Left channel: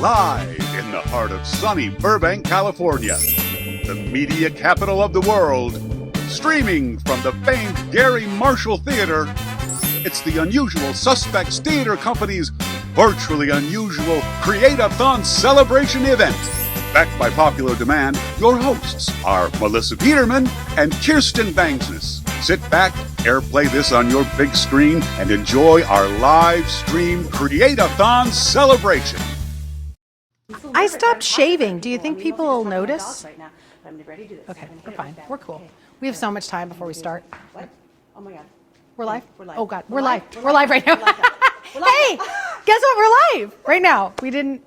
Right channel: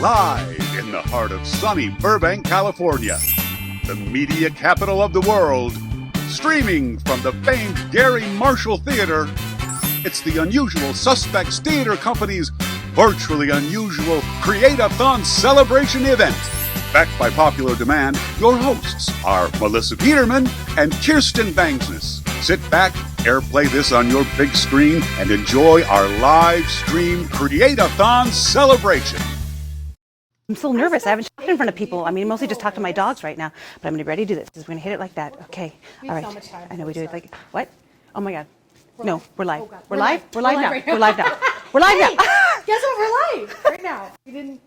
Live in the heart of sunny Burbank, California, the media capital of the world, streaming from the famed Gary Marshall Theater, it's the Unusual Suspects Theater Company's virtually unusual Create-A-Thon celebration event. Backed by popular demand, your hosts are Melissa Peterman and Kirsten Bangsness. Sit back, airplay this on your big screen, and enjoy our live stream Create-A-Thon celebration. I'm so nervous. I haven't shaved shaving. people. Do you think I mean, mostly people just talking to my notice? dogs right now. But I'm going to be ready to do this. Okay, I'm going to hit it like that. We're cool. Okay. We have All so right. much time before we do it. start. What? Oh my God. We're no, live? we're live. Oh God. We're live. We're live right now. We're live now. We're live Hey, now. guess what? We're live right now. We didn't.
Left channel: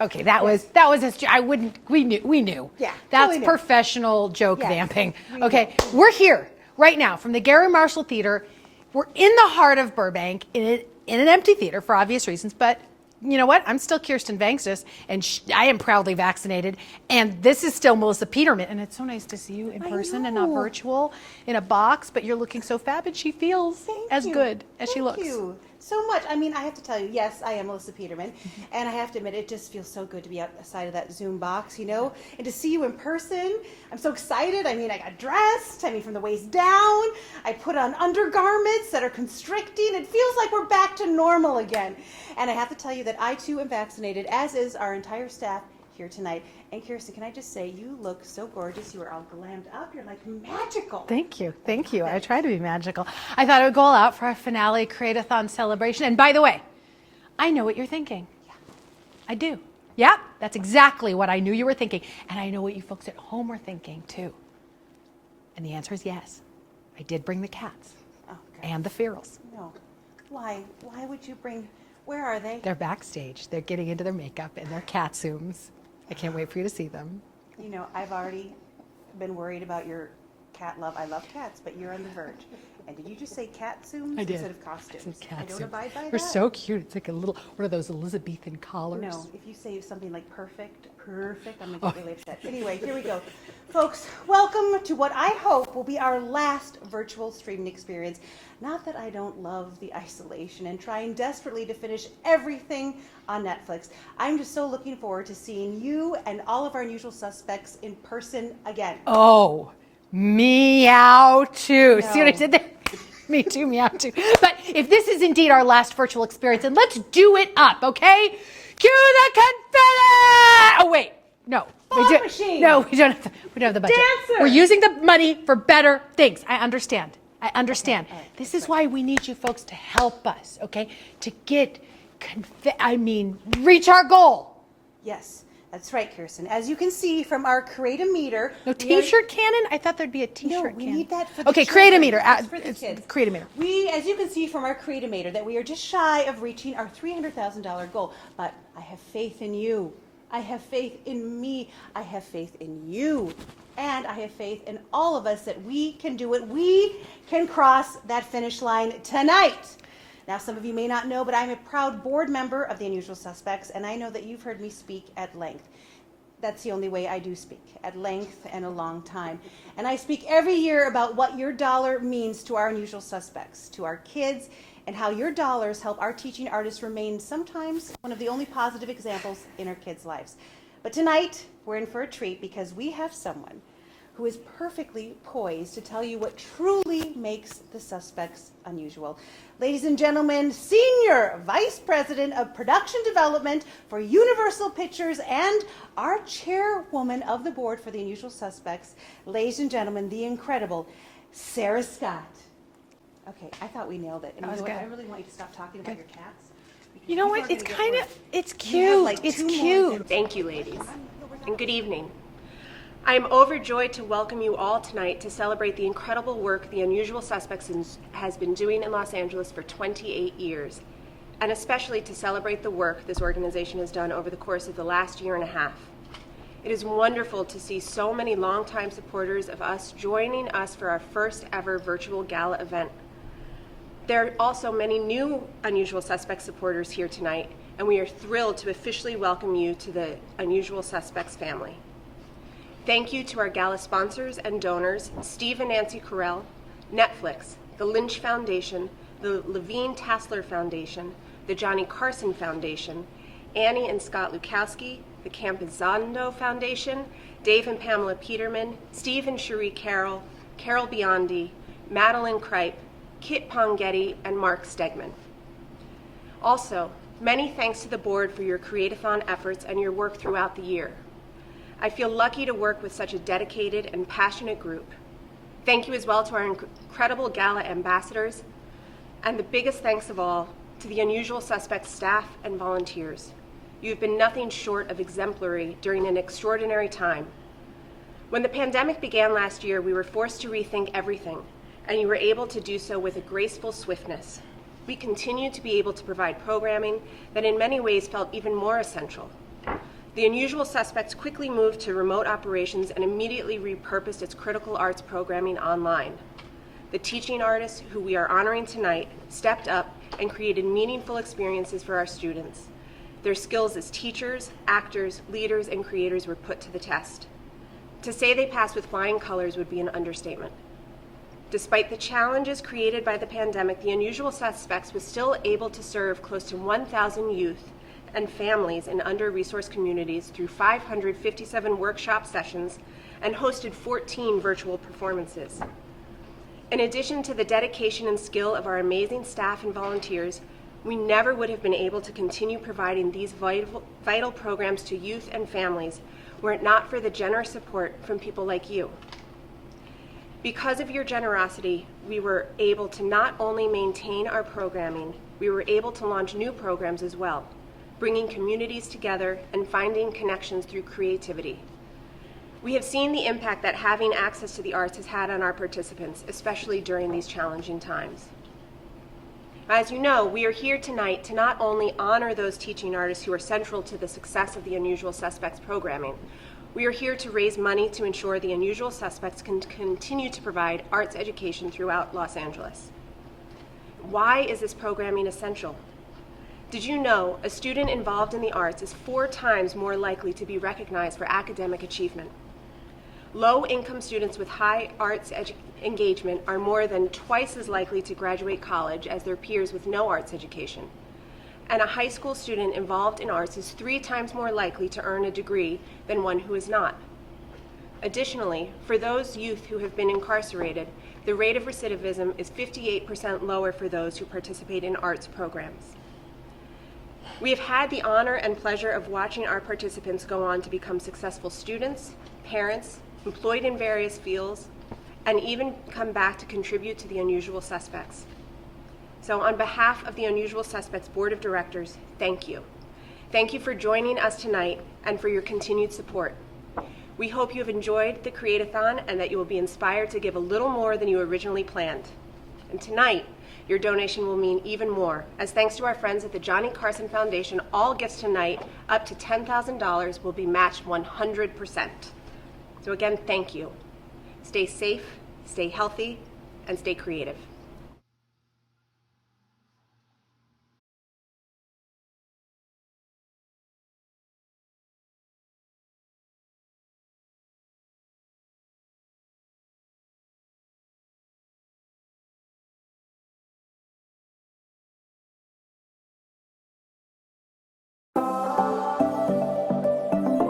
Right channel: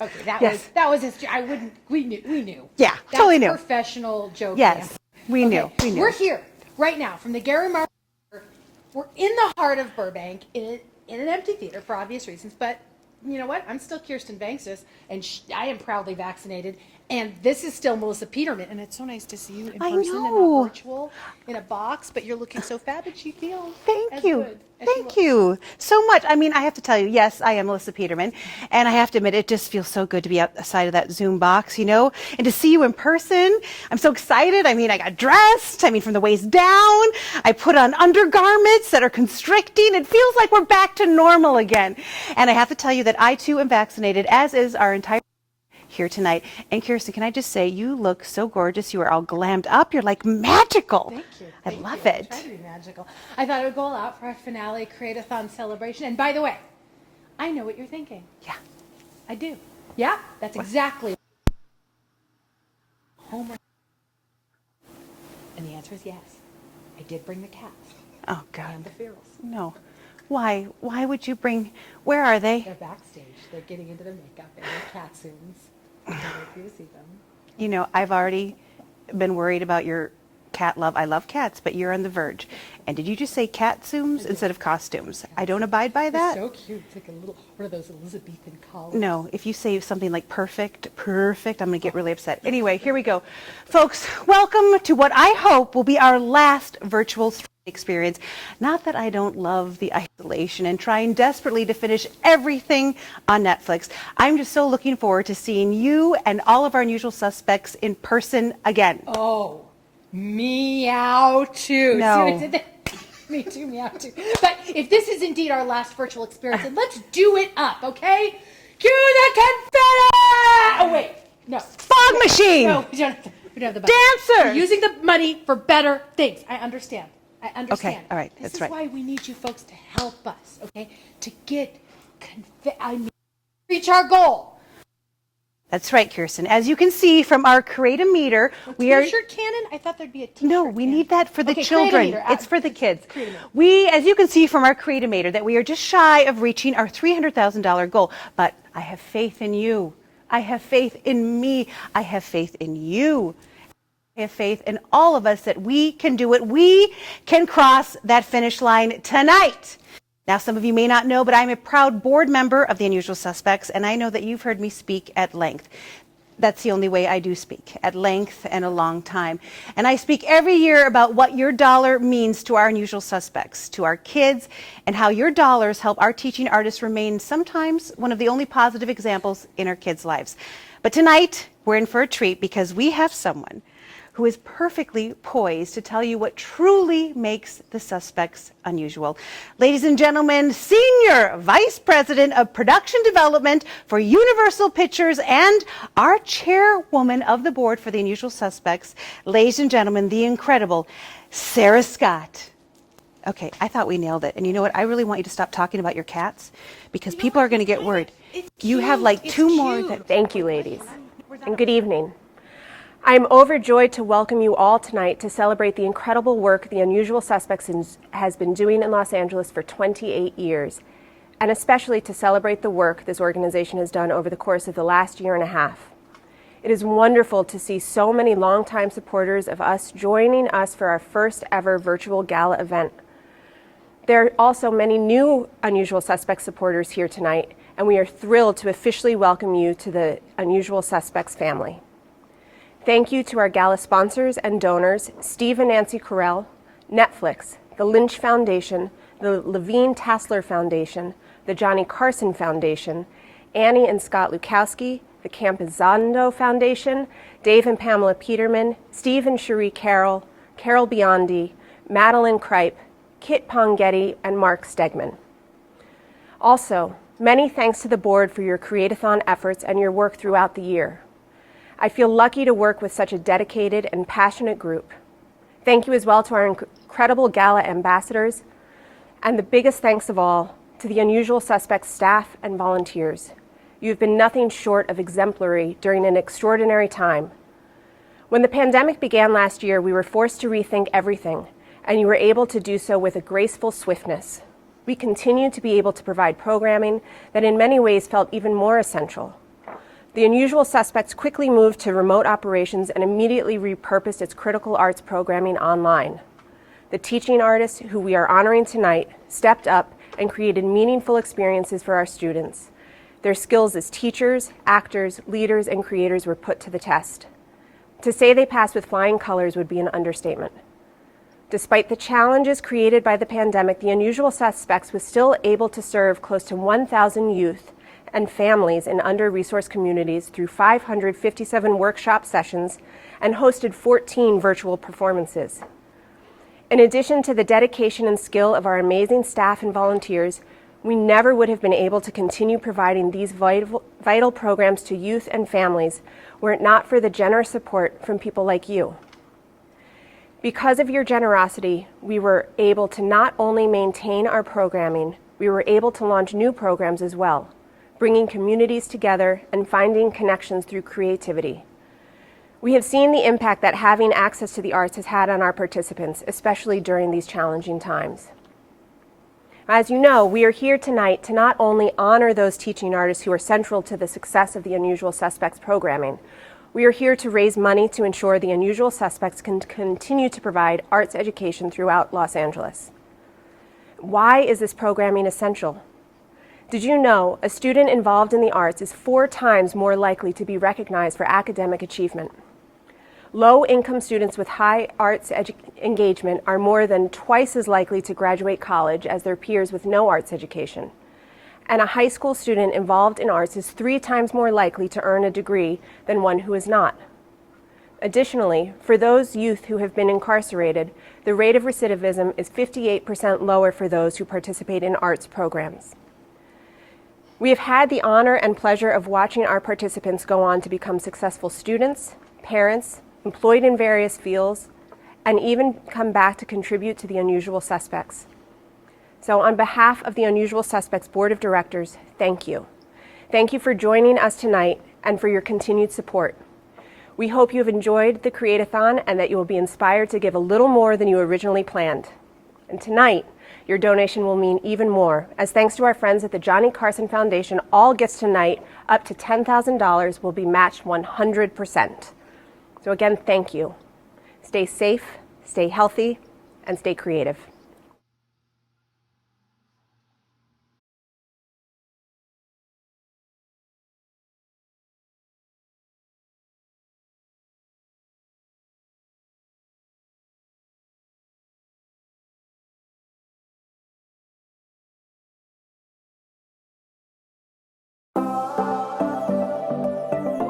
Okay, that was his. I wouldn't. We knew. Yeah, that's totally knew. Professional joke Yes, vamping. we okay, knew. we're here right now from the Gary Marshall Theater. We're in the heart of Burbank in an empty theater for obvious reasons, but. You know what? I'm still Kirsten Bangsness, and I am proudly vaccinated. And this is still Melissa Peterman, and it's so nice to see you in person and not virtual, in a box. But you're looking so fab, and she feels as good as she looks. Thank you so much. I mean, I have to tell you, yes, I am Melissa Peterman, and I have to admit, it just feels so good to be outside of that Zoom box, you know, and to see you in person. I'm so excited. I mean, I got dressed. I mean, from the waist down. I put on undergarments that are constricting. It feels like we're back to normal again. And I have to tell you that I too am vaccinated, as is our entire staff here tonight. And Kirsten, can I just say, you look so gorgeous. You are all glammed up. You're like magical. Thank you. Thank you. I I try to be magical. I thought I would go all out for our finale Create-A-Thon celebration. And by the way, I know what you're thinking. Yeah. I do. Yeah, that's exactly what I knew you were thinking. And I know what you folks at home are thinking too. And the answer is yes. I did bring the cats. Oh, God. And the ferals. No. Why? Why would you bring, where are they? They're backstage. They're getting into their makeup and their cat zooms. I can't wait for you to see them. You know, I've already been worried about your cat love. I love cats, but you're on the verge. And did you just say cat zooms instead of costumes? I don't abide by that. They're so cute. It's like a little, what are those Elizabethan collars? No, if you say something like perfect, I'm going to get really upset. Anyway, here we go. Folks, welcome to what I hope will be our last virtual streaming experience. Not that I don't love the isolation and trying desperately to finish everything on Netflix. I'm just so looking forward to seeing you and all of our unusual suspects in person again. Oh, meow too. No. See what I did there? Me too, meow too. But if this is indeed our last virtual experience, then let's do it up, okay? Cue the confetti! Oh wait, no. Fog machine! No, we don't have the budget. Dancer! We're using the money for better things. I understand. Okay, all right, This that's is right. why we need you folks to help us, okay? To get, reach our goal. Yes. That's right, Kirsten. As you can see from our Create-A-Meter, No we are- t-shirt cannon? I thought there'd be a t-shirt No, we cannon. need that for the okay, children. Create-A-Meter. It's for the kids. Create-A-Meter. We, as you can see from our Create-A-Meter, that we are just shy of reaching our $300,000 goal. But I have faith in you. I have faith in me. I have faith in you. And I have faith in all of us that we can do it. We can cross that finish line tonight. Now, some of you may not know, but I'm a proud board member of the Unusual Suspects, and I know that you've heard me speak at length. That's the only way I do speak, at length and a long time. And I speak every year about what your dollar means to our unusual suspects, to our kids, and how your dollars help our teaching artists remain sometimes one of the only positive examples in our kids' lives. But tonight, we're in for a treat because we have someone who is perfectly poised to tell you what truly makes the suspects unusual. Ladies and gentlemen, Senior Vice President of Production Development for Universal Pictures and our chairwoman of the board for the Unusual Suspects, ladies and gentlemen, the incredible Sarah Scott. Okay, I thought we nailed it. And you know what? I really want you to stop talking about your cats because people are going to get worried. It's cute. You have like It's two more. cute. Thank you, ladies, and good evening. I am overjoyed to welcome you all tonight to celebrate the incredible work the Unusual Suspects has been doing in Los Angeles for 28 years, and especially to celebrate the work this organization has done over the course of the last year and a half. It is wonderful to see so many longtime supporters of us joining us for our first ever virtual gala event. There are also many new Unusual Suspects supporters here tonight, and we are thrilled to officially welcome you to the Unusual Suspects family. Thank you to our gala sponsors and donors, Steve and Nancy Carell, Netflix, the Lynch Foundation, the Levine Tassler Foundation, the Johnny Carson Foundation, Annie and Scott Lukowski, the Campizando Foundation, Dave and Pamela Peterman, Steve and Cherie Carroll, Carol Biondi, Madeline Kripe, Kit Ponghetti, and Mark Stegman. Also, many thanks to the board for your Create-A-Thon efforts and your work throughout the year. I feel lucky to work with such a dedicated and passionate group. Thank you as well to our incredible gala ambassadors, and the biggest thanks of all to the Unusual Suspects staff and volunteers. You've been nothing short of exemplary during an extraordinary time. When the pandemic began last year, we were forced to rethink everything, and you were able to do so with a graceful swiftness. We continued to be able to provide programming that in many ways felt even more essential. The Unusual Suspects quickly moved to remote operations and immediately repurposed its critical arts programming online. The teaching artists who we are honoring tonight stepped up and created meaningful experiences for our students. Their skills as teachers, actors, leaders, and creators were put to the test. To say they passed with flying colors would be an understatement. Despite the challenges created by the pandemic, the Unusual Suspects was still able to serve close to 1,000 youth and families in under-resourced communities through 557 workshop sessions and hosted 14 virtual performances. In addition to the dedication and skill of our amazing staff and volunteers, we never would have been able to continue providing these vital programs to youth and families were it not for the generous support from people like you. Because of your generosity, we were able to not only maintain our programming, we were able to launch new programs as well, bringing communities together and finding connections through creativity. We have seen the impact that having access to the arts has had on our participants, especially during these challenging times. As you know, we are here tonight to not only honor those teaching artists who are central to the success of the Unusual Suspects programming, we are here to raise money to ensure the Unusual Suspects can continue to provide arts education throughout Los Angeles. Why is this programming essential? Did you know a student involved in the arts is 4 times more likely to be recognized for academic achievement? Low-income students with high arts engagement are more than twice as likely to graduate college as their peers with no arts education. And a high school student involved in arts is 3 times more likely to earn a degree than one who is not. Additionally, for those youth who have been incarcerated, the rate of recidivism is 58% lower for those who participate in arts programs. We have had the honor and pleasure of watching our participants go on to become successful students, parents, employed in various fields, and even come back to contribute to the Unusual Suspects. So on behalf of the Unusual Suspects Board of Directors, thank you. Thank you for joining us tonight and for your continued support. We hope you have enjoyed the Create-A-Thon and that you will be inspired to give a little more than you originally planned. And tonight, your donation will mean even more, as thanks to our friends at the Johnny Carson Foundation, all gifts tonight up to $10,000 will be matched 100%. So again, thank you. Stay safe, stay healthy, and stay creative.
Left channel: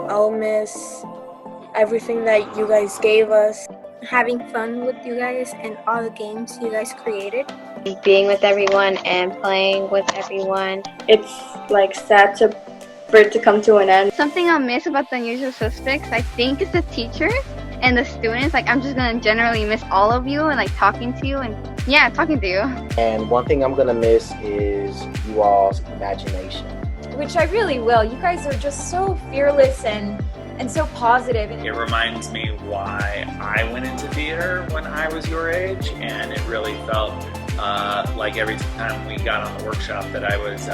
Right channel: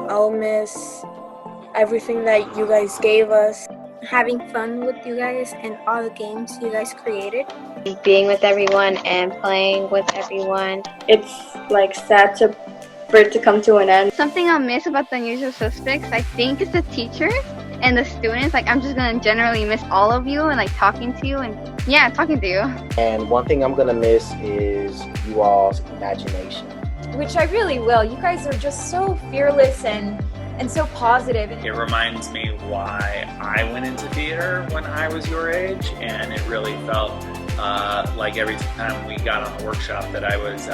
I'll miss everything that you guys gave us. Having fun with you guys and all the games you guys created. Being with everyone and playing with everyone. It's like sad for it to come to an end. Something I'll miss about the Unusual Suspects, I think, is the teachers and the students. Like, I'm just gonna generally miss all of you and like talking to you and yeah, talking to you. And one thing I'm gonna miss is you all's imagination. Which I really will. You guys are just so fearless and so positive. It reminds me why I went into theater when I was your age, and it really felt like every time we got on the workshop that I was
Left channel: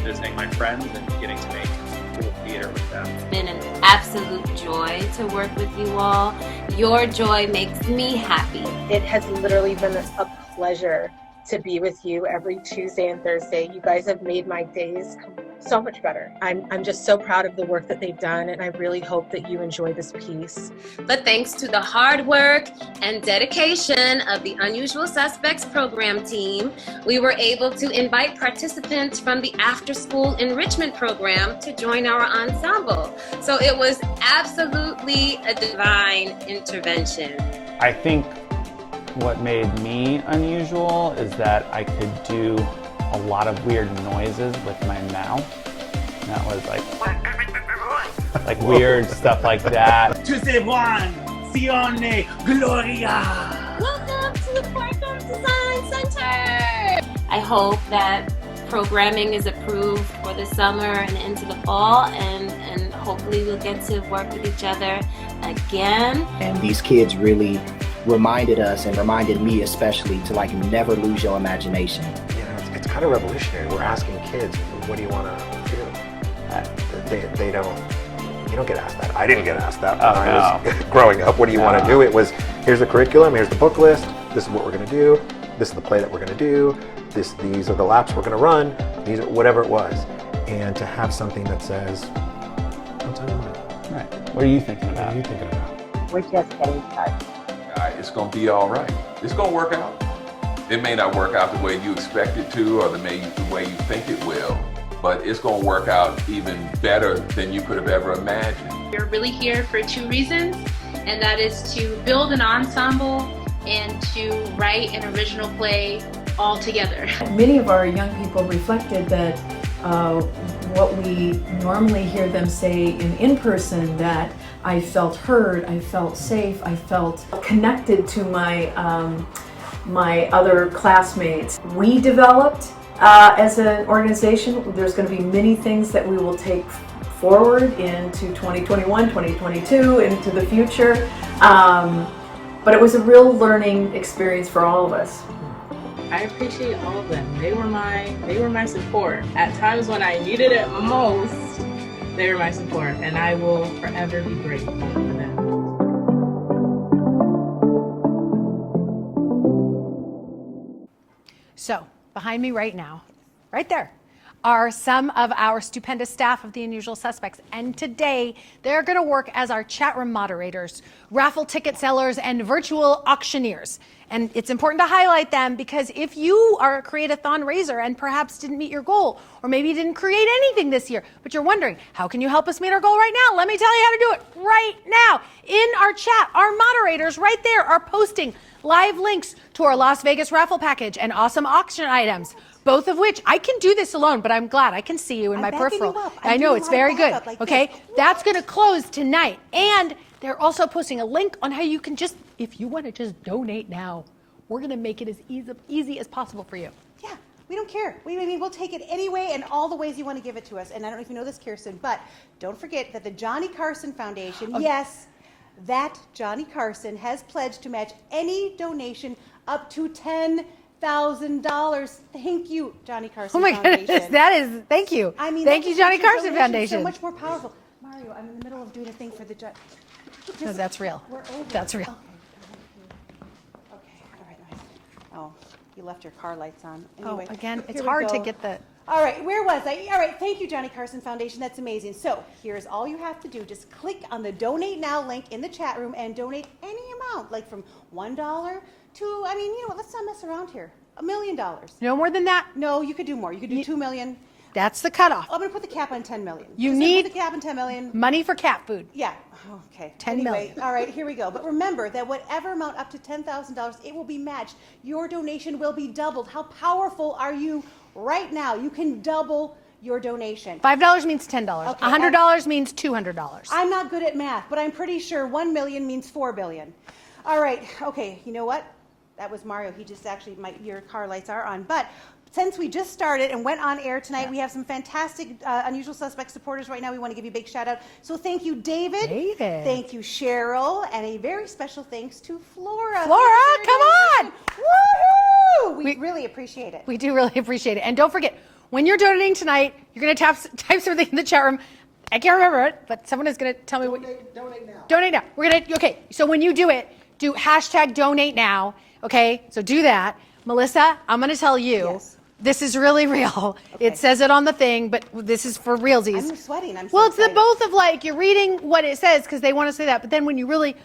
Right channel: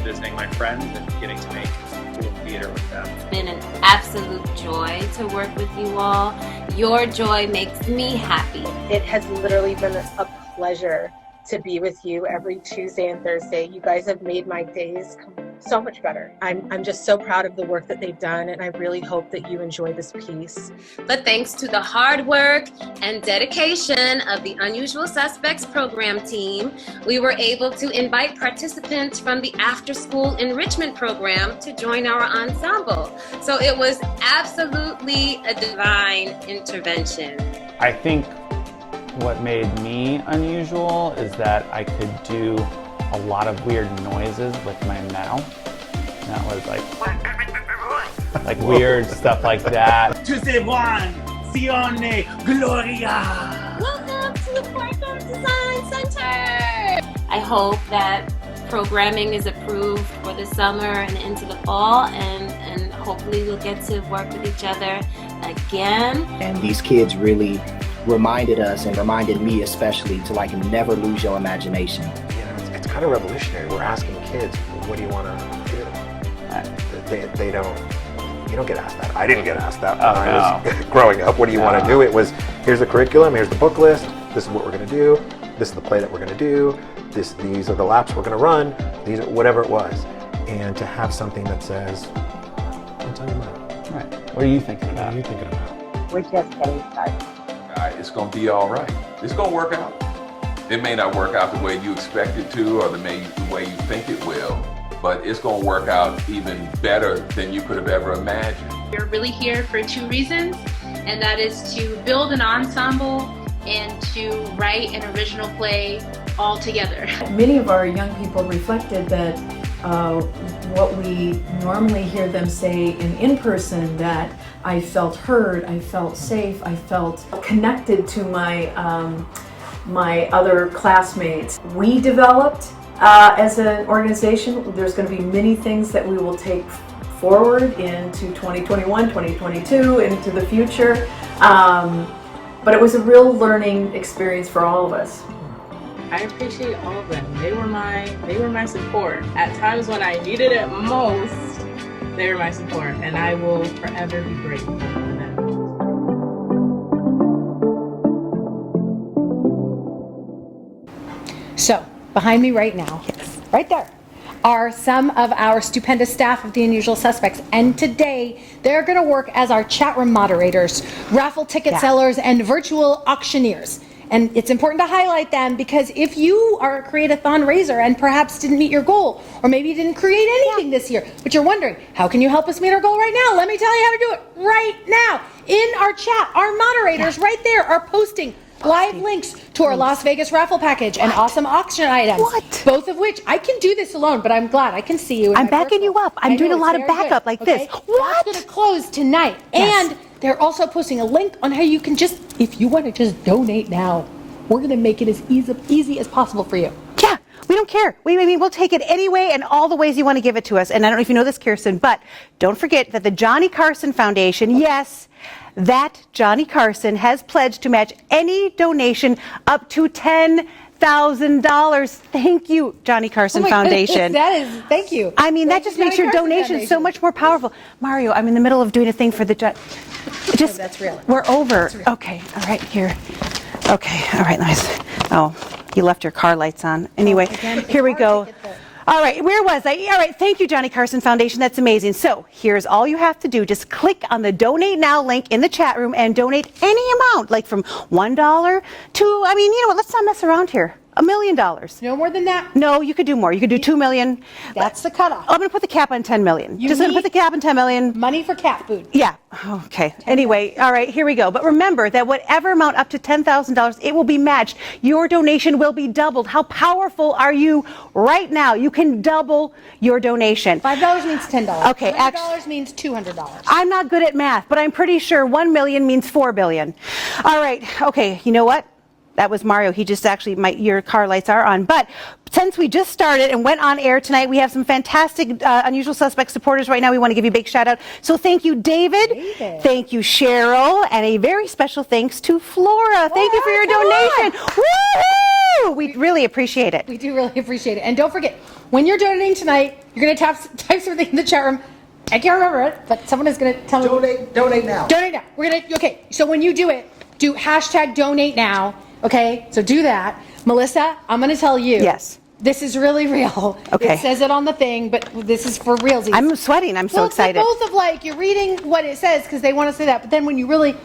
visiting my friends and getting to make cool theater with them. It's been an absolute joy to work with you all. Your joy makes me happy. It has literally been a pleasure to be with you every Tuesday and Thursday. You guys have made my days so much better. I'm just so proud of the work that they've done, and I really hope that you enjoy this piece. But thanks to the hard work and dedication of the Unusual Suspects program team, we were able to invite participants from the after-school enrichment program to join our ensemble. So it was absolutely a divine intervention. I think what made me unusual is that I could do a lot of weird noises with my mouth. And that was like weird stuff like that. Tu sais Juan, Sione, Gloria. Welcome to the Quantum Design Center. I hope that programming is approved for the summer and into the fall, and hopefully we'll get to work with each other again. And these kids really reminded us, and reminded me especially, to like never lose your imagination. You know, it's kind of revolutionary. We're asking kids, what do you want to do? They don't, you don't get asked that. I didn't get asked that when I was growing up. What do you want to do? It was, here's the curriculum, here's the book list, this is what we're going to do, this is the play that we're going to do, these are the laps we're going to run, these are whatever it was. And to have something that says, what's on your mind? Right. What are you thinking about? What are you thinking about? We're just getting started. It's going to be all right. It's going to work out. It may not work out the way you expect it to, or the way you think it will, but it's going to work out even better than you could have ever imagined. We're really here for two reasons, and that is to build an ensemble and to write an original play all together. Many of our young people reflected that what we normally hear them say in person, that I felt heard, I felt safe, I felt connected to my my other classmates. We developed as an organization, there's going to be many things that we will take forward into 2021, 2022, into the future. But it was a real learning experience for all of us. I appreciate all of them. They were my support. At times when I needed it most, they were my support, and I will forever be grateful for them. So, behind me right now, right there, are some of our stupendous staff of the Unusual Suspects. And today, they're going to work as our chat room moderators, raffle ticket sellers, and virtual auctioneers. And it's important to highlight them because if you are a Create-A-Thon raiser and perhaps didn't meet your goal, or maybe you didn't create anything this year, but you're wondering, how can you help us meet our goal right now? Let me tell you how to do it right now. In our chat, our moderators right there are posting live links to our Las Vegas raffle package and awesome auction items. Both of which, I can do this alone, but I'm glad I can see you in I'm my backing peripheral. you up. I'm doing a lot of backup like this. That's going to close tonight. Yes. And they're also posting a link on how you can just, if you want to just donate now, we're going to make it as easy as possible for you. Yeah, we don't care. We'll take it anyway and all the ways you want to give it to us. And I don't know if you know this, Kirsten, but don't forget that the Johnny Carson Foundation, yes, that Johnny Carson has pledged to match any donation up to $10,000. Thank you, Johnny Carson Foundation. Goodness, thank you. I mean, that just makes your donation so much more powerful. Mario, I'm in the middle of doing a thing for the that's real. We're over. That's real. Okay, all right, here. Okay, all right, nice. Oh, you left your car lights on. Anyway, here we go. All right, where was I? All right, thank you, Johnny Carson Foundation. That's amazing. So here's all you have to do. Just click on the Donate Now link in the chat room and donate any amount, like from $1 to, you know what, let's not mess around here. $1 million. No more than that? No, you could do more. You could do $2 million. That's the cutoff. I'm going to put the cap on $10 million. You Just going to put the cap on $10 million. Money for cat food. Yeah. Okay. Anyway, all right, here we go. But remember that whatever amount up to $10,000, it will be matched. Your donation will be doubled. How powerful are you right now? You can double your donation. $5 means $10. Okay. $100 means $200. I'm not good at math, but I'm pretty sure 1 million means 4 billion. All right. Okay. You know what? That was Mario. He just actually, your car lights are on. But since we just started and went on air tonight, we have some fantastic Unusual Suspect supporters right now. We want to give you a big shout out. So thank you, David. Thank you, Cheryl. And a very special thanks to Flora. Thank you for your donation. Woohoo! We really appreciate it. We do really appreciate it. And don't forget, when you're donating tonight, you're going to type something in the chat room. I can't remember it, but someone is going to tell me. Donate now. Donate now. We're going to, okay, so when you do it, do hashtag donate now. Okay, so do that. Melissa, I'm going to tell you. Yes. This is really real. Okay. It says it on the thing, but this is for realsies. I'm sweating. I'm so well, excited. Well, it's both of like, you're reading what it says because they want to say that, but then when you really,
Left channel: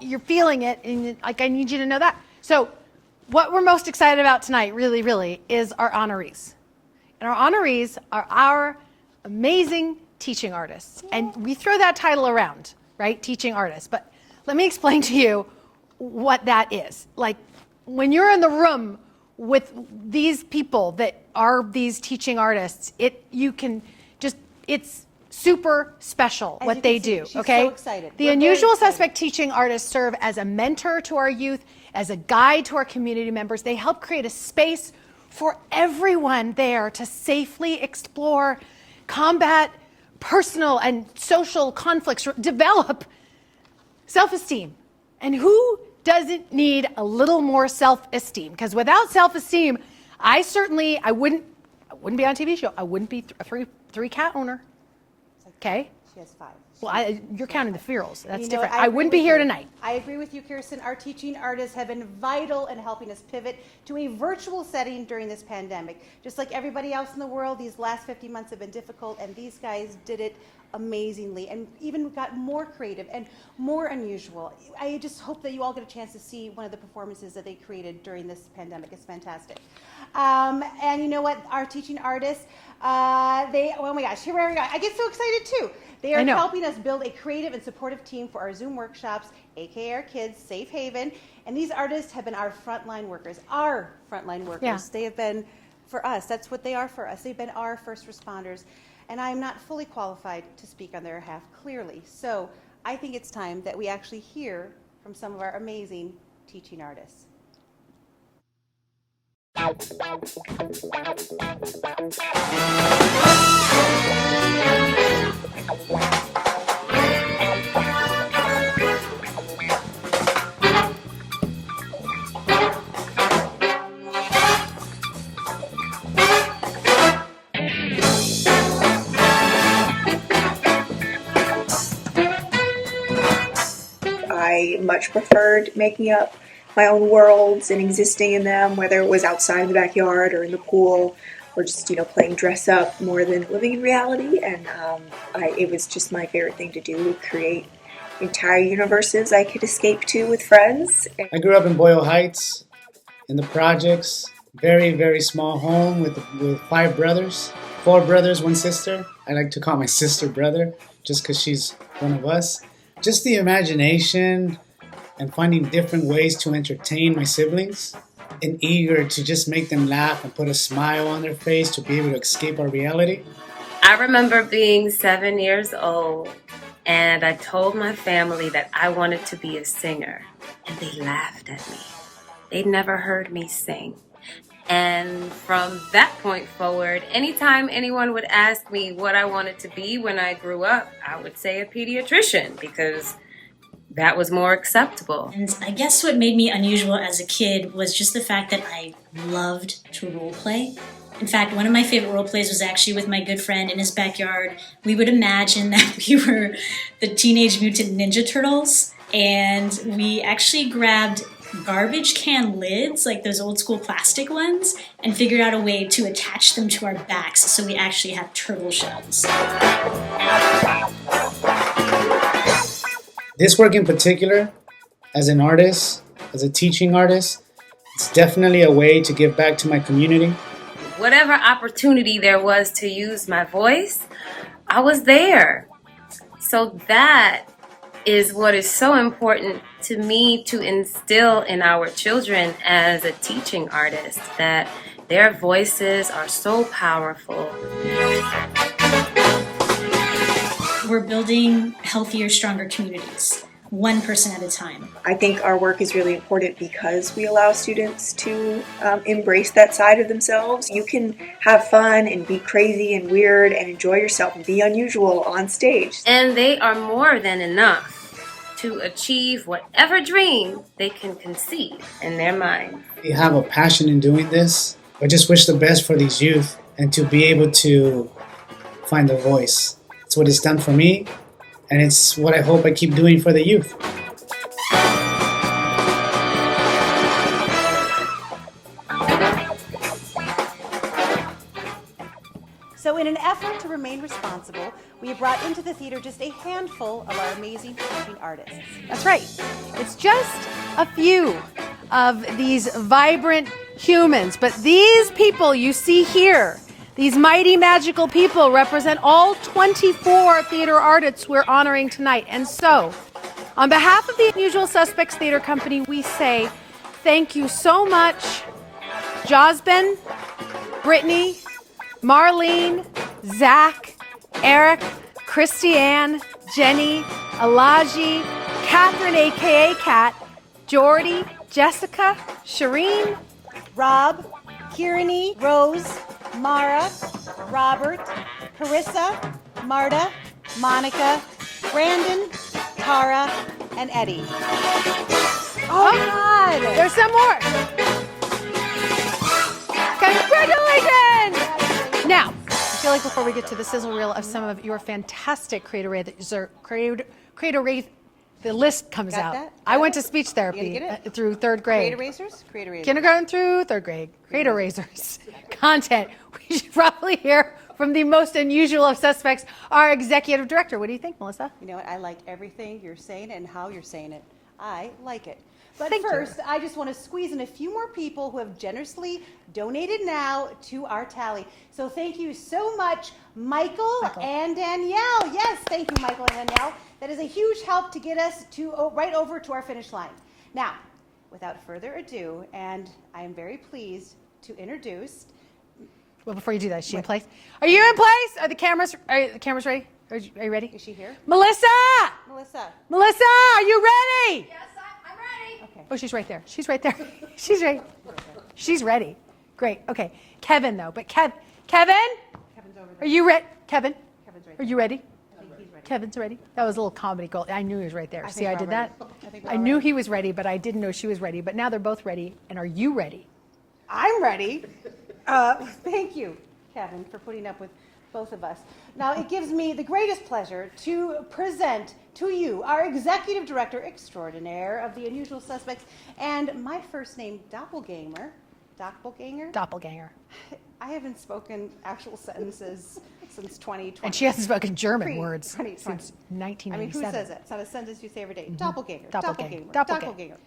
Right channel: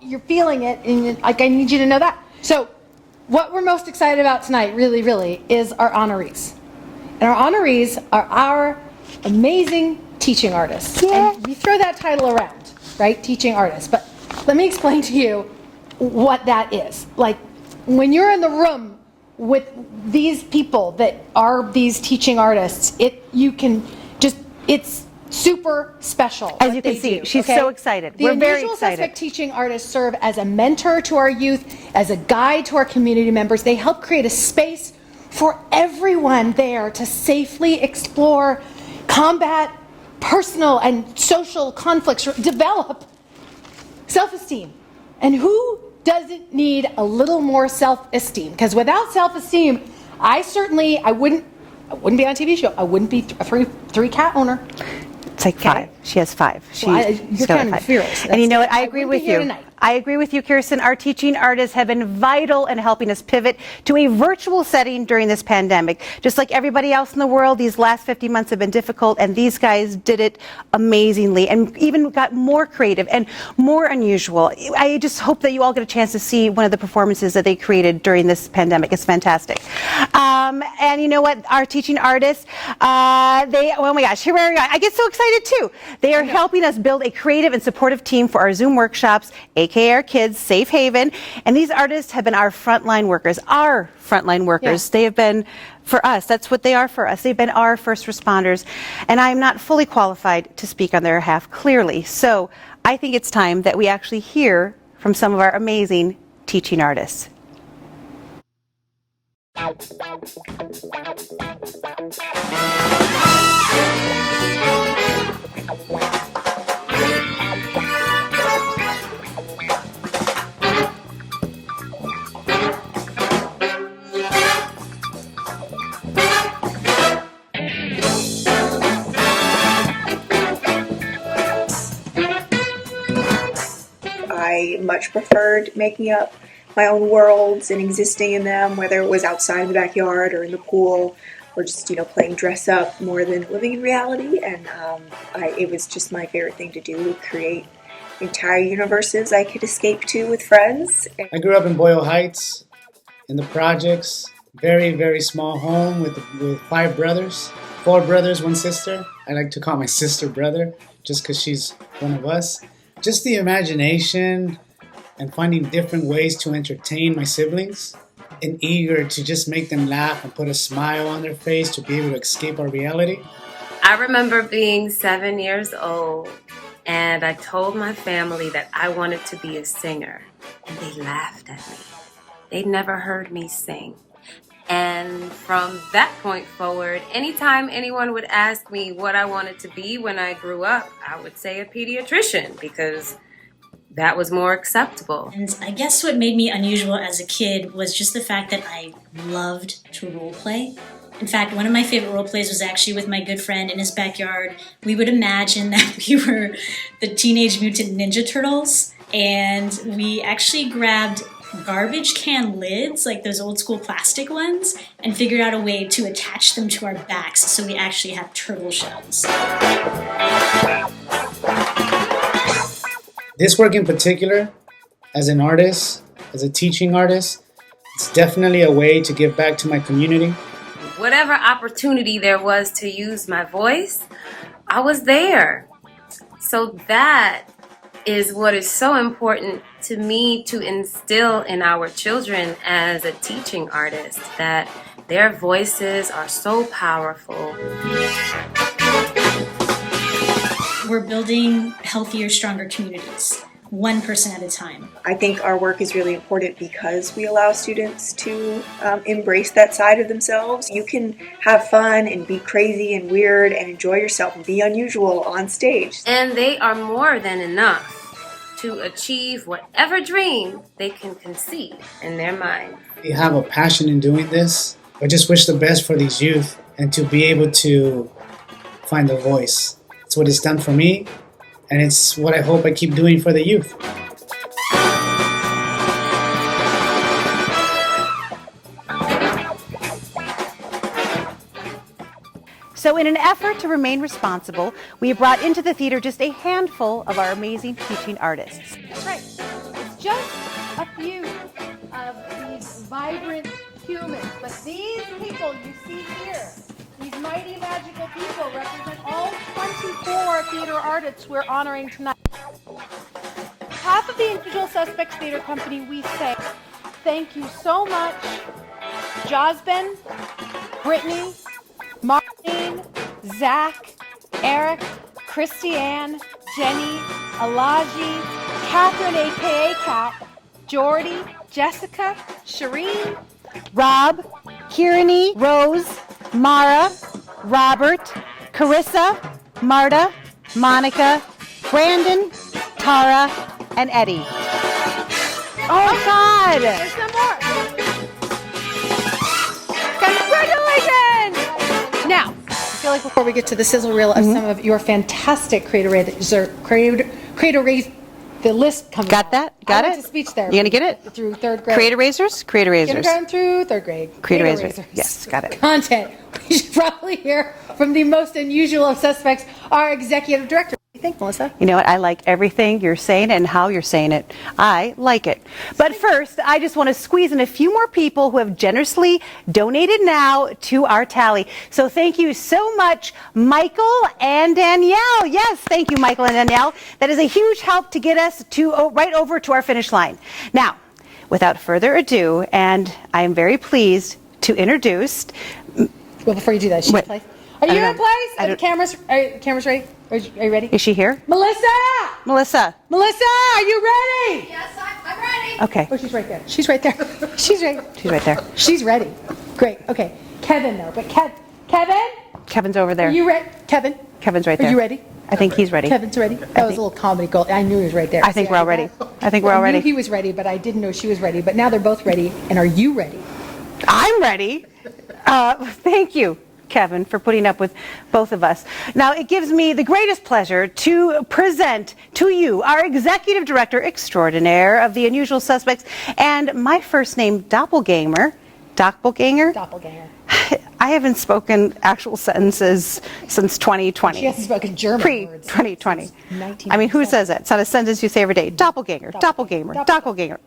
you're feeling it, and like, I need you to know that. So what we're most excited about tonight, really, really, is our honorees. And our honorees are our amazing teaching artists. Yeah. And we throw that title around, right? Teaching artists. But let me explain to you what that is. Like, when you're in the room with these people that are these teaching artists, it's super special As what you they can see, do. she's so excited. The We're very Unusual excited. Suspect teaching artists serve as a mentor to our youth, as a guide to our community members. They help create a space for everyone there to safely explore, combat personal and social conflicts, develop self-esteem. And who doesn't need a little more self-esteem? Because without self-esteem, I wouldn't be on a TV show. I wouldn't be a three cat owner. It's like 5. She has 5. You're kind of furious. And you know what? I agree wouldn't with be here you. tonight. I agree with you, Kirsten. Our teaching artists have been vital in helping us pivot to a virtual setting during this pandemic. Just like everybody else in the world, these last 50 months have been difficult, and these guys did it amazingly and even got more creative and more unusual. I just hope that you all get a chance to see one of the performances that they created during this pandemic. It's fantastic. And you know what? Our teaching artists, oh my gosh, here we are. I get so excited too. They are helping us build a creative and supportive team for our Zoom workshops, aka our kids' safe haven. And these artists have been our frontline workers. Yeah. They have been for us. That's what they are for us. They've been our first responders. And I'm not fully qualified to speak on their behalf, clearly. So I think it's time that we actually hear from some of our amazing teaching artists. I much preferred making up my own worlds and existing in them, whether it was outside in the backyard or in the pool or just, playing dress up more than living in reality. And it was just my favorite thing to do, create entire universes I could escape to with friends. I grew up in Boyle Heights, in the projects, very, very small home with 5 brothers, 4 brothers, 1 sister. I like to call my sister brother just because she's one of us. Just the imagination and finding different ways to entertain my siblings and eager to just make them laugh and put a smile on their face to be able to escape our reality. I remember being 7 years old and I told my family that I wanted to be a singer, and they laughed at me. They'd never heard me sing. And from that point forward, anytime anyone would ask me what I wanted to be when I grew up, I would say a pediatrician because that was more acceptable. And I guess what made me unusual as a kid was just the fact that I loved to role play. In fact, one of my favorite role plays was actually with my good friend in his backyard. We would imagine that we were the Teenage Mutant Ninja Turtles, and we actually grabbed garbage can lids, like those old school plastic ones, and figured out a way to attach them to our backs so we actually had turtle shells. This work in particular, as an artist, as a teaching artist, it's definitely a way to give back to my community. Whatever opportunity there was to use my voice, I was there. So that is what is so important to me to instill in our children as a teaching artist, that their voices are so powerful. We're building healthier, stronger communities, one person at a time. I think our work is really important because we allow students to embrace that side of themselves. You can have fun and be crazy and weird and enjoy yourself and be unusual on stage. And they are more than enough to achieve whatever dream they can conceive in their mind. They have a passion in doing this. I just wish the best for these youth and to be able to find their voice. It's what it's done for me, and it's what I hope I keep doing for the youth. In an effort to remain responsible, we have brought into the theater just a handful of our amazing teaching artists. That's right. It's just a few of these vibrant humans. But these people you see here, these mighty magical people, represent all 24 theater artists we're honoring tonight. And so, on behalf of the Unusual Suspects Theater Company, we say thank you so much, Josben, Brittany, Marlene, Zach, Eric, Christiane, Jenny, Alaji, Catherine, aka Kat, Jordy, Jessica, Shireen, Rob, Kieran, Rose, Mara, Robert, Carissa, Marta, Monica, Brandon, Tara, and Eddie. Oh God! There's some more. Congratulations! Now, I feel like before we get to the sizzle reel of some of your fantastic creator the list comes out. Got that? I went to speech therapy. You gonna get it? Through third grade. Creator Razors? Creator Razors. Kindergarten through third grade. Creator Razors. Yes, got it. Content. We should probably hear from the most unusual of suspects, our executive director. What do you think, Melissa? You know what? I like everything you're saying and how you're saying it. I like it. But first, I just want to squeeze in a few more people who have generously donated now to our tally. So thank you so much, Michael and Danielle. Yes, thank you, Michael and Danielle. That is a huge help to get us to right over to our finish line. Now, without further ado, and I am very pleased to introduce. Well, before you do that, is she in place? Are you in place? Are the cameras ready? Are you ready? Is she here? Melissa! Melissa, are you ready? Yes, I'm ready. okay. Oh, she's right there. She's right there. She's ready. She's right there. She's ready. Great. Okay. Kevin, though. But Kevin? Kevin's over there. Are you ready? Kevin? Kevin's right Are there. you ready? I think he's ready. Kevin's ready? That was a little comedy gold. I knew he was right there. I think we're all ready. I think we're all I knew ready. he was ready, but I didn't know she was ready. But now they're both ready. And are you ready? I'm ready. Thank you, Kevin, for putting up with both of us. Now, it gives me the greatest pleasure to present to you our executive director extraordinaire of the Unusual Suspects and my first name, Doppelganger. Doppelganger? Doppelganger. I haven't spoken actual sentences since 2020. She hasn't spoken German words. Pre-2020. I mean, who says that? It's not a sentence you say every day. Doppelganger, doppelganger, doppelganger.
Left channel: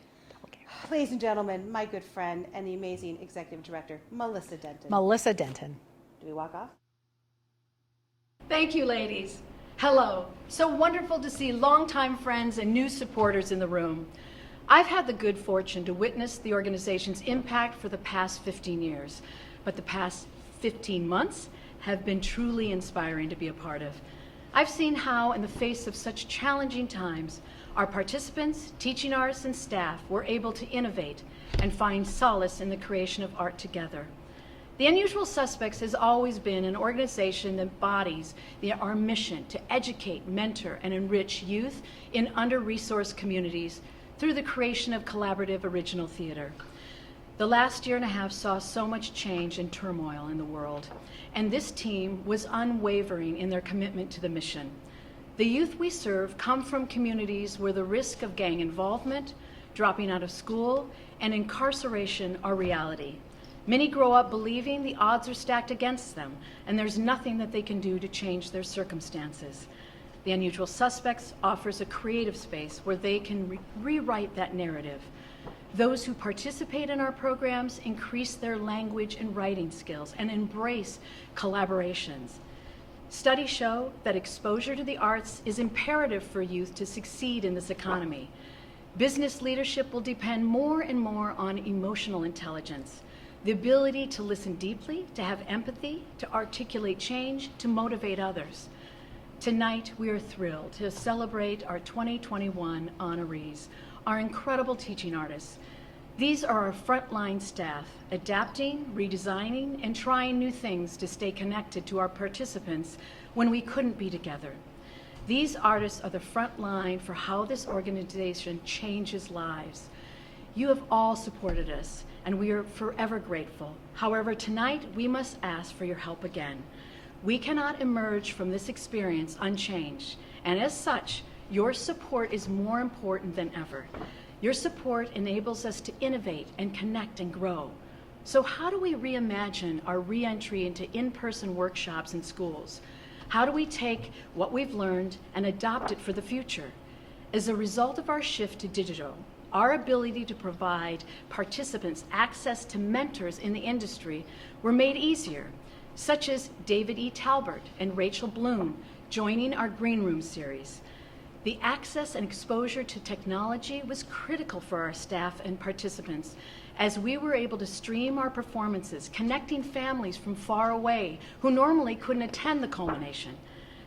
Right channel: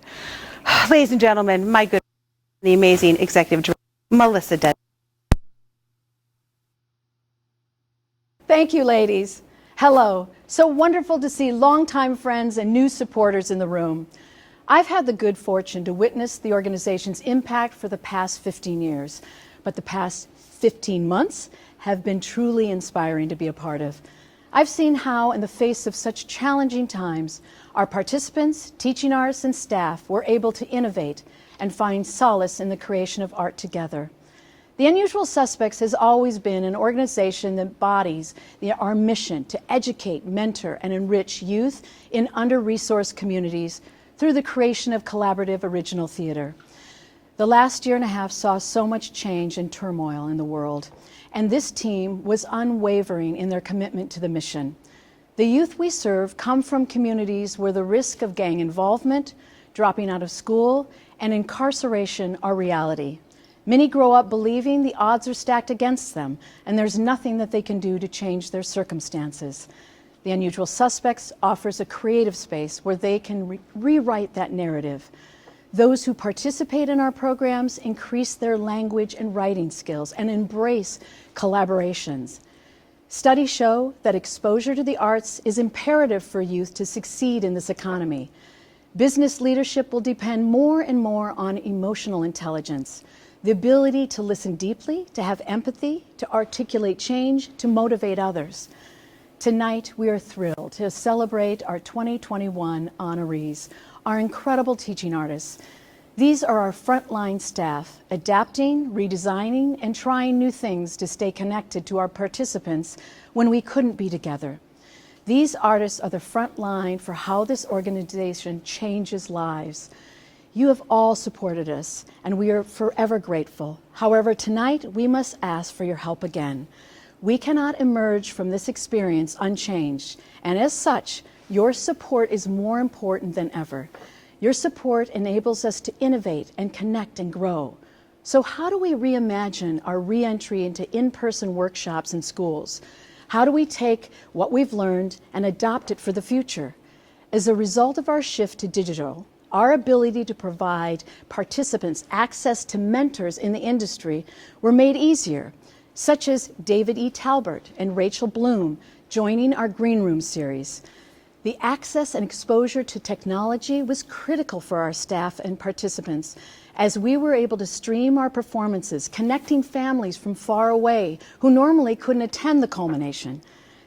Ladies and gentlemen, my good friend and the amazing executive director, Melissa Denton. Melissa Denton. Do we walk off? Thank you, ladies. Hello. So wonderful to see longtime friends and new supporters in the room. I've had the good fortune to witness the organization's impact for the past 15 years, but the past 15 months have been truly inspiring to be a part of. I've seen how, in the face of such challenging times, our participants, teaching artists, and staff were able to innovate and find solace in the creation of art together. The Unusual Suspects has always been an organization that embodies our mission to educate, mentor, and enrich youth in under-resourced communities through the creation of collaborative original theater. The last year and a half saw so much change and turmoil in the world, and this team was unwavering in their commitment to the mission. The youth we serve come from communities where the risk of gang involvement, dropping out of school, and incarceration are reality. Many grow up believing the odds are stacked against them, and there's nothing that they can do to change their circumstances. The Unusual Suspects offers a creative space where they can rewrite that narrative. Those who participate in our programs increase their language and writing skills and embrace collaborations. Studies show that exposure to the arts is imperative for youth to succeed in this economy. Business leadership will depend more and more on emotional intelligence, the ability to listen deeply, to have empathy, to articulate change, to motivate others. Tonight, we are thrilled to celebrate our 2021 honorees, our incredible teaching artists. These are our frontline staff, adapting, redesigning, and trying new things to stay connected to our participants when we couldn't be together. These artists are the front line for how this organization changes lives. You have all supported us, and we are forever grateful. However, tonight, we must ask for your help again. We cannot emerge from this experience unchanged, and as such, your support is more important than ever. Your support enables us to innovate and connect and grow. So how do we reimagine our reentry into in-person workshops in schools? How do we take what we've learned and adopt it for the future? As a result of our shift to digital, our ability to provide participants access to mentors in the industry were made easier, such as David E. Talbert and Rachel Bloom joining our Green Room series. The access and exposure to technology was critical for our staff and participants, as we were able to stream our performances, connecting families from far away who normally couldn't attend the culmination.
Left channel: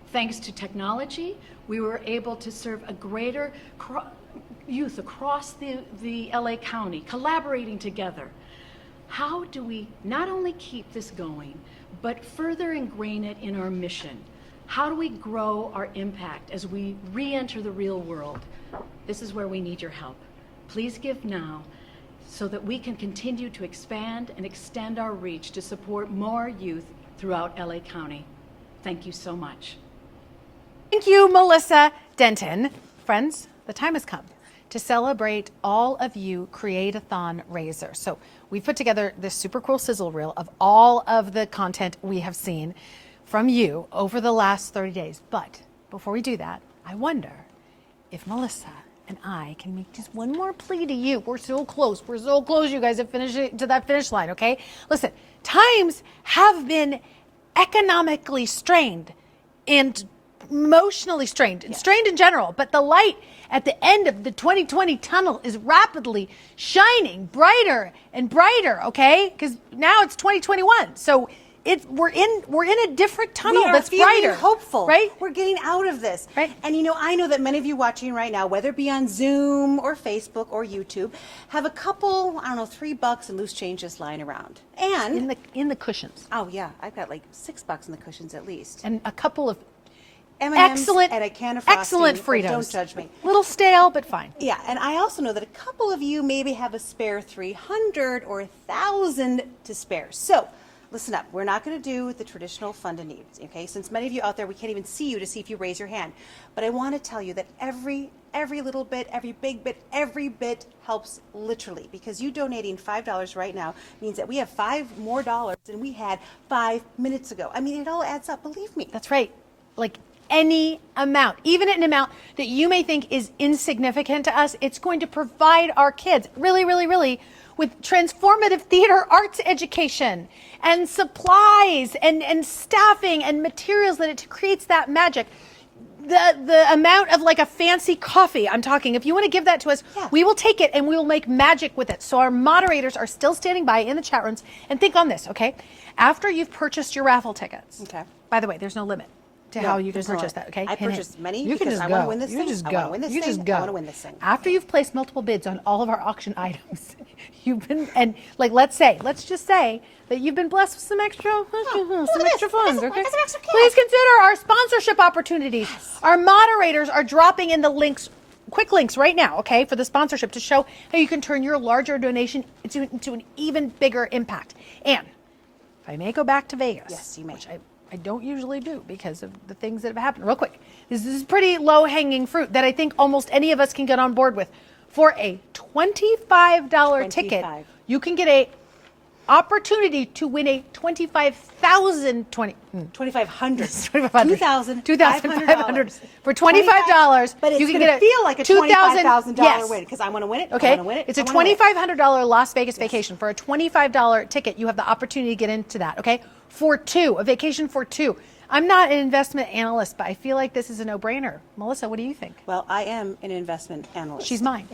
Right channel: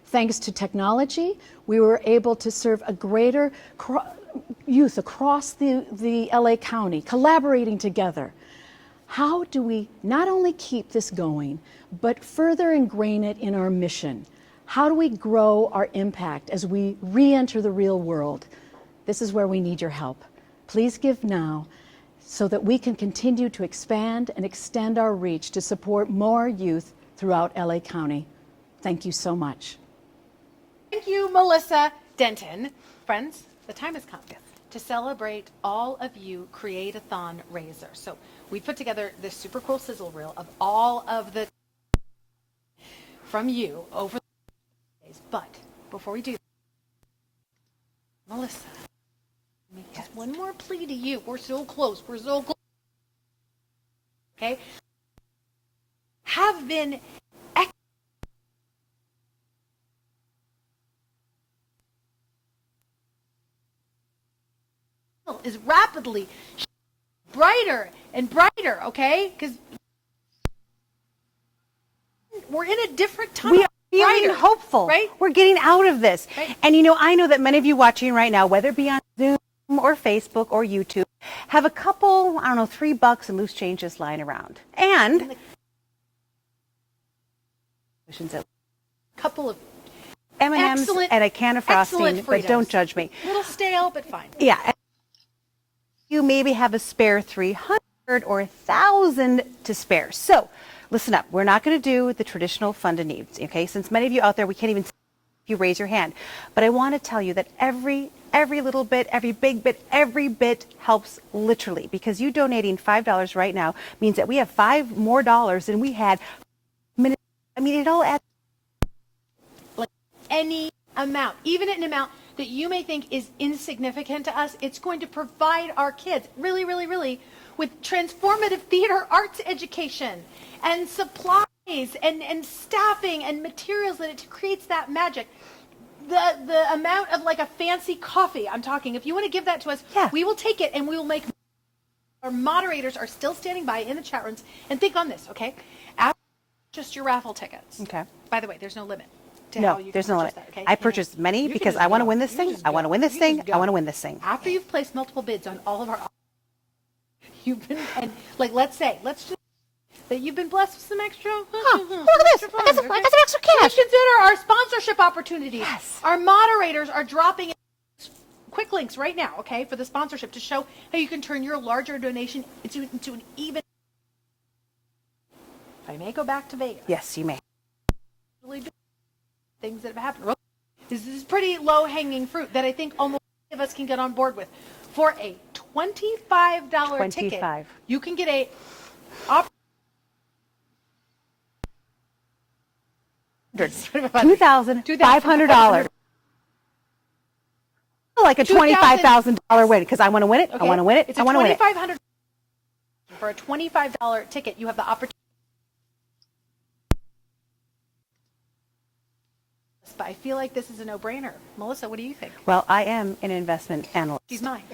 Thanks to technology, we were able to serve a greater youth across the LA County, collaborating together. How do we not only keep this going, but further ingrain it in our mission? How do we grow our impact as we re-enter the real world? This is where we need your help. Please give now, so that we can continue to expand and extend our reach to support more youth throughout LA County. Thank you so much. Thank you, Melissa Denton. Friends, the time has come to celebrate all of you Create-A-Thon raisers. So we put together this super cool sizzle reel of all of the content we have seen from you over the last 30 days. But before we do that, I wonder if Melissa and I can make just one more plea to you. We're so close. We're so close, you guys, to that finish line, okay? Listen, times have been economically strained and emotionally strained, and strained in general, but the light at the end of the 2020 tunnel is rapidly shining brighter and brighter, okay? Because now it's 2021. So we're in a different tunnel that's brighter, hopeful, right? We're getting out of this. Right. And I know that many of you watching right now, whether it be on Zoom or Facebook or YouTube, have a couple, $3 in loose changes lying around. And in the cushions. Oh yeah, I've got like $6 in the cushions at least. And a couple of M&Ms excellent, and a can of frosting, excellent but don't judge me. A little stale, but fine. Yeah, and I also know that a couple of you maybe have a spare 300 or 1,000 to spare. So listen up, we're not going to do the traditional fund and needs, okay? Since many of you out there, we can't even see you to see if you raise your hand. But I want to tell you that every little bit, every big bit, every bit helps literally, because you donating $5 right now means that we have $5 more than we had 5 minutes ago. I mean, it all adds up, believe me. That's right. Like any amount, even an amount that you may think is insignificant to us, it's going to provide our kids really, really, really with transformative theater arts education and supplies and staffing and materials that it creates that magic. The amount of like a fancy coffee, I'm talking, if you want to give that to us, we will take it and we will make magic with it. So our moderators are still standing by in the chat rooms. And think on this, okay? After you've purchased your raffle tickets, okay. By the way, there's no limit to how you can purchase that, okay? I purchased many because I want to win this thing. I want to win this thing. I want to win this thing. After you've placed multiple bids on all of our auction items, you've been, and like, let's just say that you've been blessed with some extra, some extra funds. Okay? I got some extra cash. Please consider our sponsorship opportunities. Yes. Our moderators are dropping in the links, quick links right now, okay, for the sponsorship to show how you can turn your larger donation into an even bigger impact. And I may go back to Vegas. Yes, you may. I don't usually do because of the things that have happened. Real quick, this is pretty low-hanging fruit that I think almost any of us can get on board with. For a $25 ticket, you can get a opportunity to win a $2,500 for $25. But it's you can going to get feel like a $25,000 win because I want to win it. Okay. I want to win it. It's a $2,500 Las Vegas vacation. For a $25 ticket, you have the opportunity to get into that. Okay, for two, a vacation for two. I'm not an investment analyst, but I feel like this is a no-brainer. Melissa, what do you think? Well, I am an investment analyst. She's mine.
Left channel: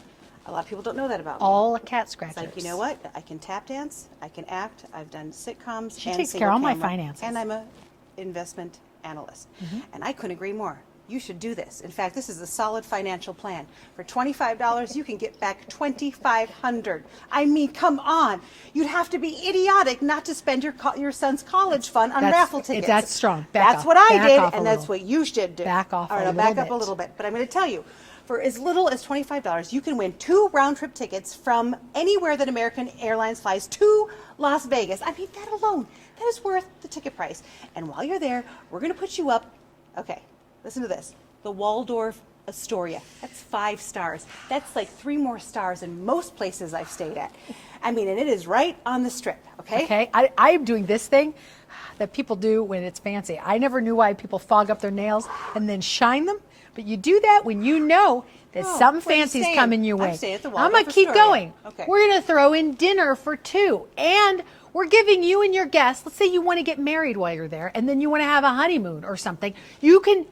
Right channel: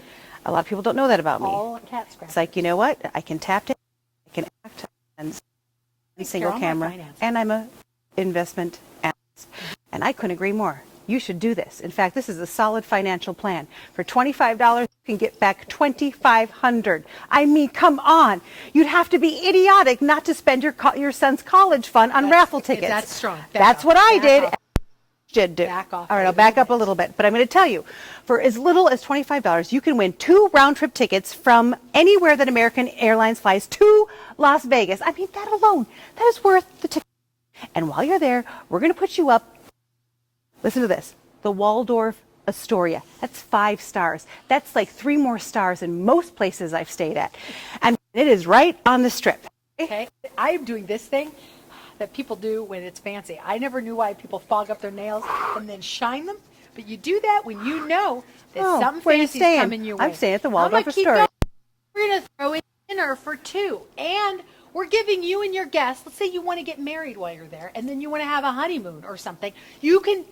A lot of people don't know that about me. All a cat scratch. It's like, you know what? I can tap dance, I can act, I've done sitcoms She and takes single care of all my camera, finances. and I'm a investment analyst. And I couldn't agree more. You should do this. In fact, this is a solid financial plan. For $25, you can get back $2,500. I mean, come on. You'd have to be idiotic not to spend your son's college fund on raffle tickets. That's strong. That's what I did, and that's what you should do. Back off. All right, I'll back up a little bit. But I'm going to tell you, for as little as $25, you can win 2 round-trip tickets from anywhere that American Airlines flies to Las Vegas. I mean, that alone, that is worth the ticket price. And while you're there, we're going to put you up, okay, listen to this, the Waldorf Astoria. That's 5 stars. That's like 3 more stars in most places I've stayed at. I mean, and it is right on the strip, okay? Okay, I am doing this thing that people do when it's fancy. I never knew why people fog up their nails and then shine them, but you do that when you know that something where you fancy is staying? coming your way. I'm staying at the I'm Waldorf gonna keep Astoria. going. Okay. We're gonna throw in dinner for 2, and we're giving you and your guests, let's say you want to get married while you're there, and then you want to have a honeymoon or something, you can,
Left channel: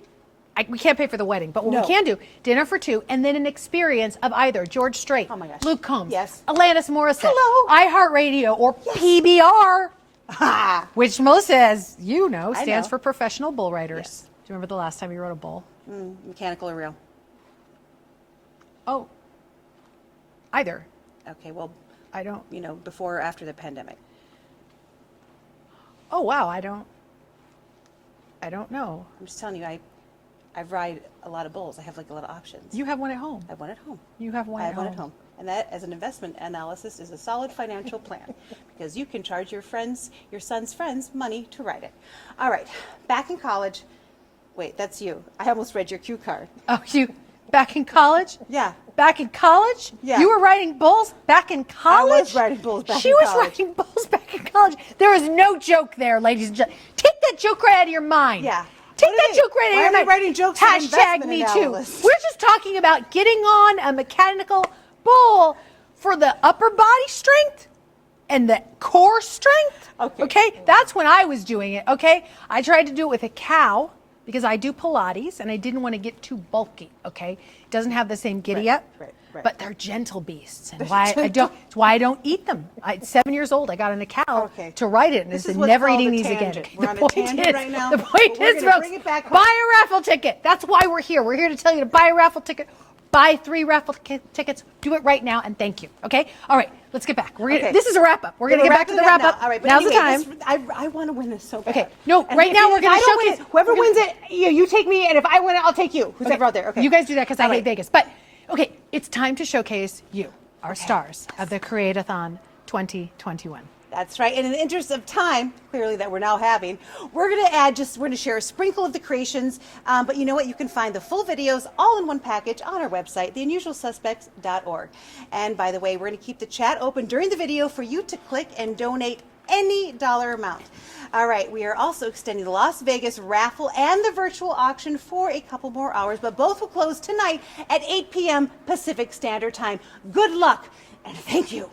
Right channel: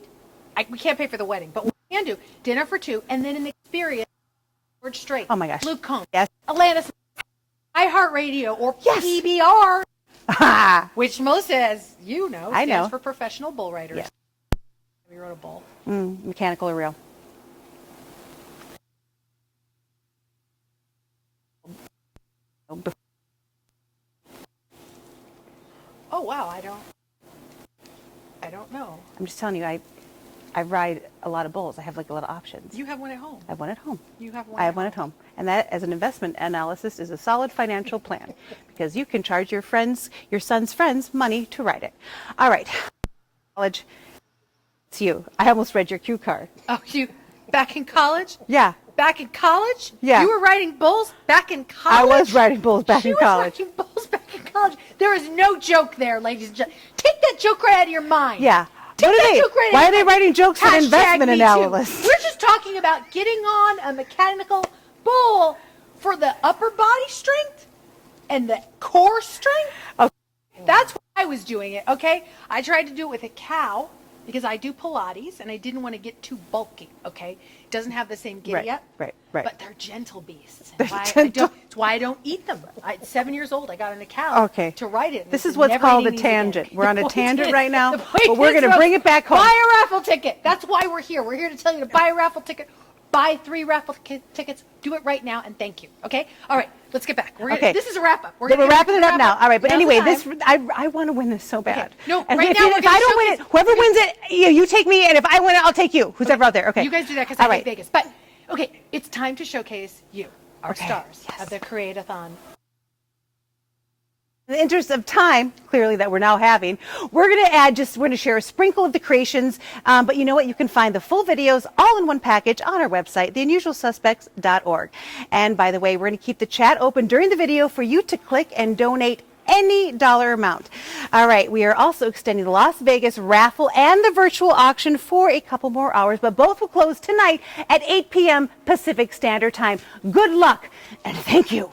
we can't pay for the wedding, but what we can do, dinner for 2, and then an experience of either George Strait, oh my gosh, Luke Combs, yes, Alanis Morissette, hello, iHeartRadio, or PBR, which Melissa, as you know, I stands know. for Professional Bull Riders. Yes. Do you remember the last time you rode a bull? Mechanical or real? Oh, either. Okay, well, I don't. You know, before or after the pandemic? Oh wow, I don't know. I'm just telling you, I ride a lot of bulls. I have like a lot of options. You have one at home. I have one at home. You have one I at have one home. at home. And that, as an investment analysis, is a solid financial plan because you can charge your friends, your son's friends, money to ride it. All right, back in college. Wait, that's you. I almost read your cue card. Oh, you back in college? Yeah. Back in college? Yeah. You were riding bulls back in college? I was riding bulls back in college. She was riding bulls back in college. There is no joke there, ladies and gentlemen. Take that joke right out of your mind. Yeah. Take What are that they? joke right Why out are of they your writing jokes in Hashtag investment me too. analysis? We're just talking about getting on a mechanical bull for the upper body strength and the core strength. Okay? That's when I was doing it, okay? I tried to do it with a cow because I do Pilates and I didn't want to get too bulky, okay? It doesn't have the same giddy up. Right. But they're gentle beasts. And it's why I don't eat them. At 7 years old, I got on a cow to ride it. And This I is said, what's never called eating a these again. tangent. We're on a The point tangent is- right now, the point but we're is, going to bring it back home. Buy a raffle ticket. That's why we're here. We're here to tell you to buy a raffle ticket. Buy 3 raffle tickets. Do it right now, and thank you. Okay? All right. Let's get back. This is a wrap up. We're going to get back to the wrap up now. All right, but Now's the anyway, time. I want to win this so bad. Okay. No, And right if now you- we're if going I to don't win showcase. it, whoever wins it, you take me, and if I win it, I'll take you. Who's ever out there? Okay. You guys do that because I All hate right. Vegas. But okay, it's time to showcase you, our stars of the Create-A-Thon 2021. That's right. And in the interest of time, clearly that we're now having, we're going to share a sprinkle of the creations. But you know what? You can find the full videos all in one package on our website, theunusualsuspects.org. And by the way, we're going to keep the chat open during the video for you to click and donate any dollar amount. All right, we are also extending the Las Vegas raffle and the virtual auction for a couple more hours, but both will close tonight at 8 p.m. Pacific Standard Time. Good luck and thank you.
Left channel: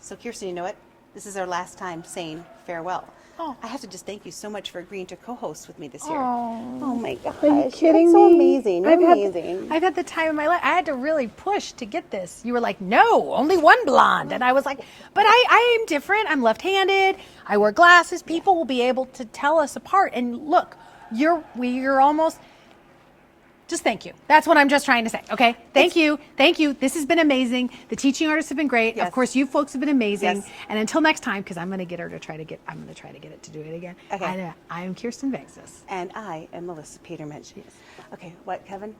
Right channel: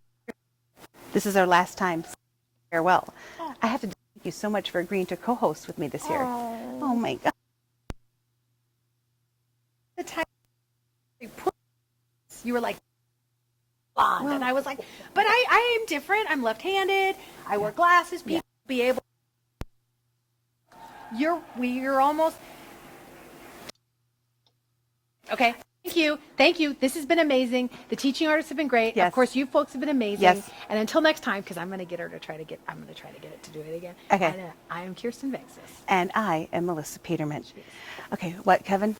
So Kirsten, you know what? This is our last time saying farewell. I have to just thank you so much for agreeing to co-host with me this year. Oh my gosh. Are you kidding so me? amazing. You're amazing. I've had the time of my life. I had to really push to get this. You were like, no, only one blonde. And I was like, but I am different. I'm left-handed. I wear glasses. People will be able to tell us apart. And look, you're almost... Just thank you. That's what I'm just trying to say. Okay. Thank you. Thank you. This has been amazing. The teaching artists have been great. Yes. Of course, you folks have been amazing. Yes. And until next time, because I'm going to get her to try to get it to do it again. Okay. And, I am Kirsten Vexis. And I am Melissa Peterman. Okay, what, Kevin?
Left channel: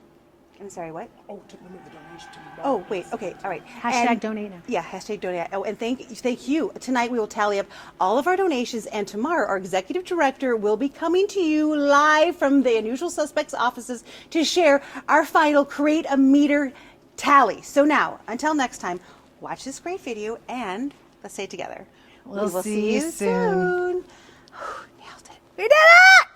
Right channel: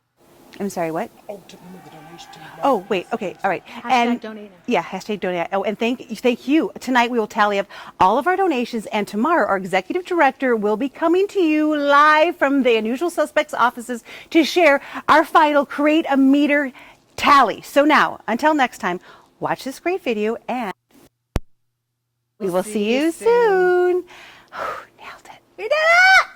I'm sorry, what? Oh, wait, okay, all right. Hashtag donate now. Yeah, hashtag donate. Oh, and thank you. Tonight we will tally up all of our donations, and tomorrow our executive director will be coming to you live from the Unusual Suspects offices to share our final Create-A-Meter tally. So now, until next time, watch this great video and let's say it together. We'll we will see see you you soon. soon. We did it!